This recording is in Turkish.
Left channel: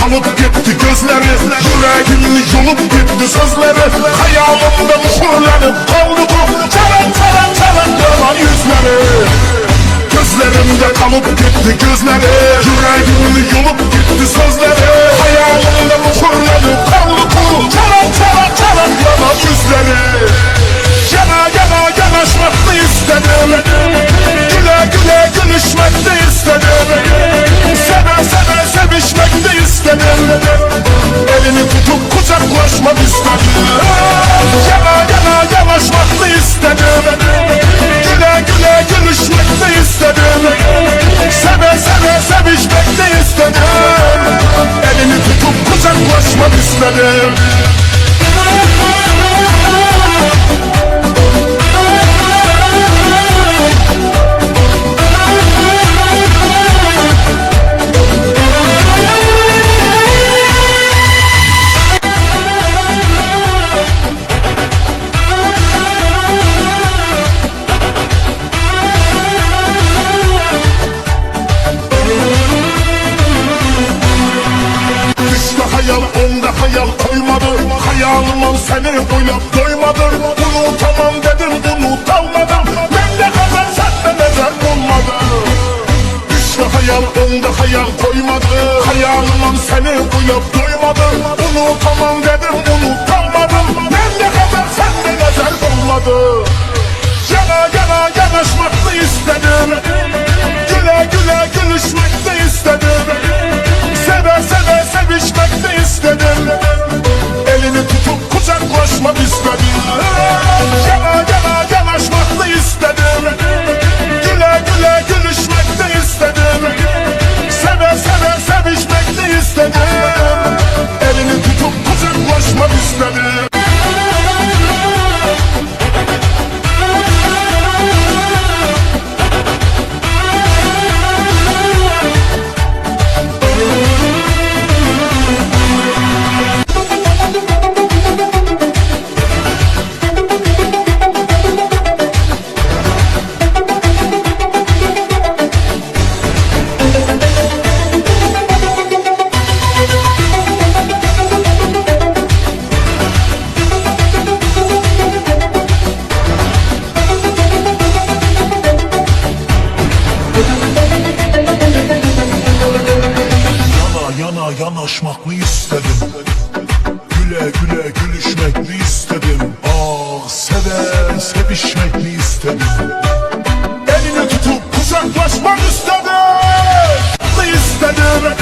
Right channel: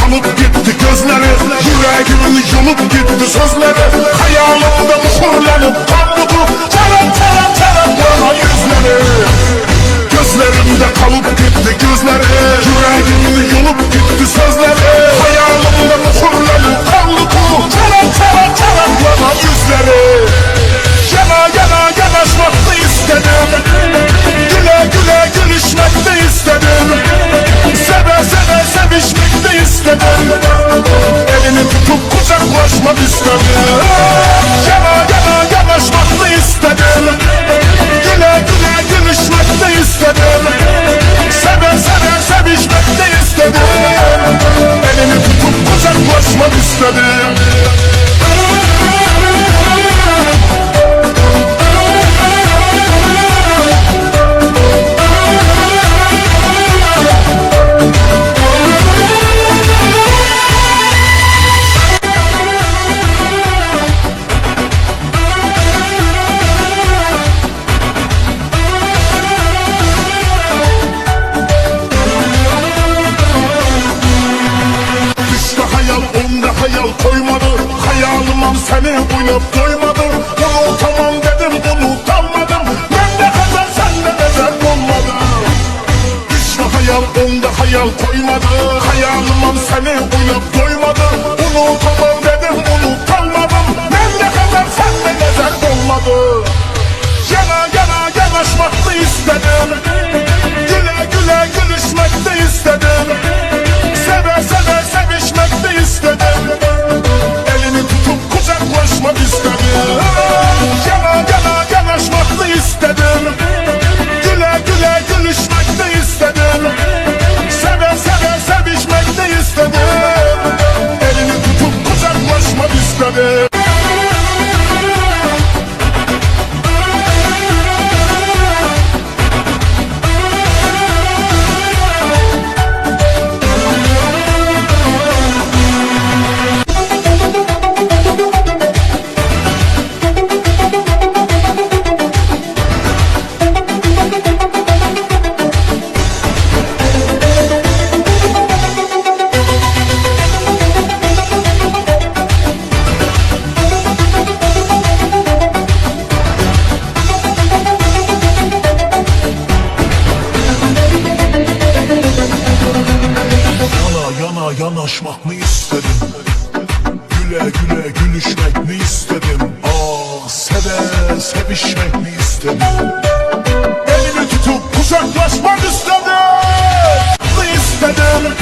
kalıp gitti gözleri, yüreğimin yolup gitti sözleri. Hayalimde kurlarım kaldı bu çaren çaren çaren yalan yüzleri. Gözlerimde kalıp gitti gözleri, yüreğimin yolup gitti sözleri. Hayalimde kurlarım kaldı bu çaren çaren çaren yalan yüzleri. Yana yana yanaşmak da istedim, güle güle gülüşmek de istedim, seve seve sevişmek de istedim, elini tutup kucaklaşmak istedim. Yana yana yanaşmak da istedim, güle güle gülüşmek de istedim, seve seve sevişmek de istedim, elini tutup kucaklaşmak istedim. Onda hayal koymadı, hayalıma seni uyup doymadı. Unutamam dedim, unutamadım, ben de kadar senle neden olmadı. İşte hayal onda hayal koymadı, hayalıma seni uyup doymadı. Unutamam dedim, unutamadım, ben de kadar senle neden olmadı. Yana yana yanaşmak da istedim, güle güle gülüşmek de istedim, seve seve sevişmek de istedim, elini tutup kucaklaşmak istedim. Yana yana yanaşmak da istedim, güle güle gülüşmek de istedim, seve seve sevişmek de istedim, elini tutup kucaklaşmak istedim. Yanaşmak mı istedim, güle güle gülüşmek mi istedim, ah seve sevişmek mi istedim, elini tutup kucaklaşmak istedim, ne istedim.